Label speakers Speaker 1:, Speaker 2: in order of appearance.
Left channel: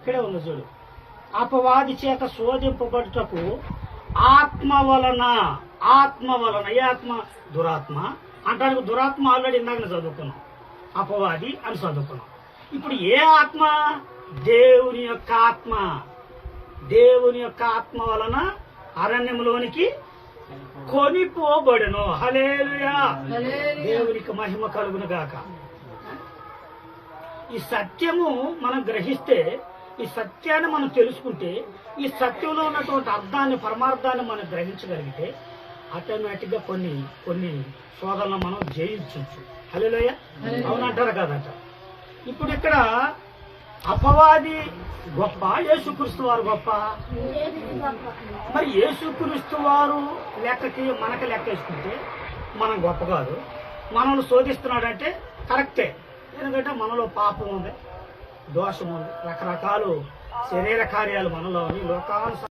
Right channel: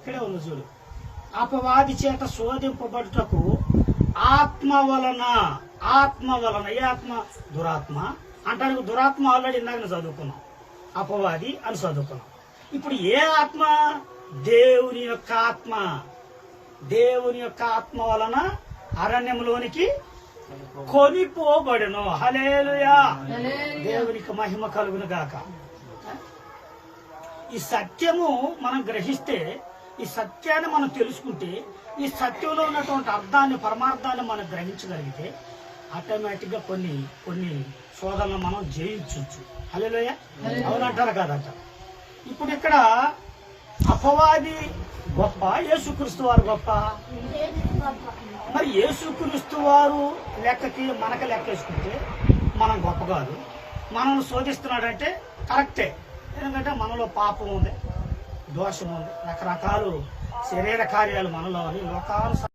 Speaker 1: ఇక్కడే ఉంది చూడు. అపవాది చేత శోధింపబడుటకు ఆత్మ వలన ఆత్మ వలన ఏ ఆత్మ? దురాత్మ. అంటానికి దురాత్మ ఆల్రెడీ ఇందాక చదువుకున్నాం. అపవాది అని చదువుకున్నాం. ఇప్పుడు ఏ ఆత్మ? దేవుని యొక్క ఆత్మ. దేవుని యొక్క ఆత్మ వలన అరణ్యంలోనికి కొనిపోబడెను. హలేలుయా దేవునికి మహిమ కలుగును గాక. ఈ సత్యము మనం గ్రహిస్తే ఈ సత్యాన్ని మనం తెలుసుకుంటే ఈ సత్యంలో ఉన్నటువంటి అర్థాన్ని పరమార్థాన్ని మనం గ్రహించగలిగితే ఆటోమేటిక్గా కొన్ని కొన్ని శోధనలు మనం జయించవచ్చు. హలోయ అవునంటారు కాదంట. ఇప్పుడు ఇక్కడ అపవాది గొప్ప యేసుక్రీస్తు వారు గొప్ప. మరి యేసుక్రీస్తు వారు లెక్కకి మనకి లెక్క వేసుకుంటే మనం గొప్ప కాదు. మనల్ని శోధిస్తున్నాడంటే కరెక్టే. ఎందుకంటే మనలో పాపం ఉంది. దోషము రకరకాలు శరీర కార్యాలు మనలోని లోకాను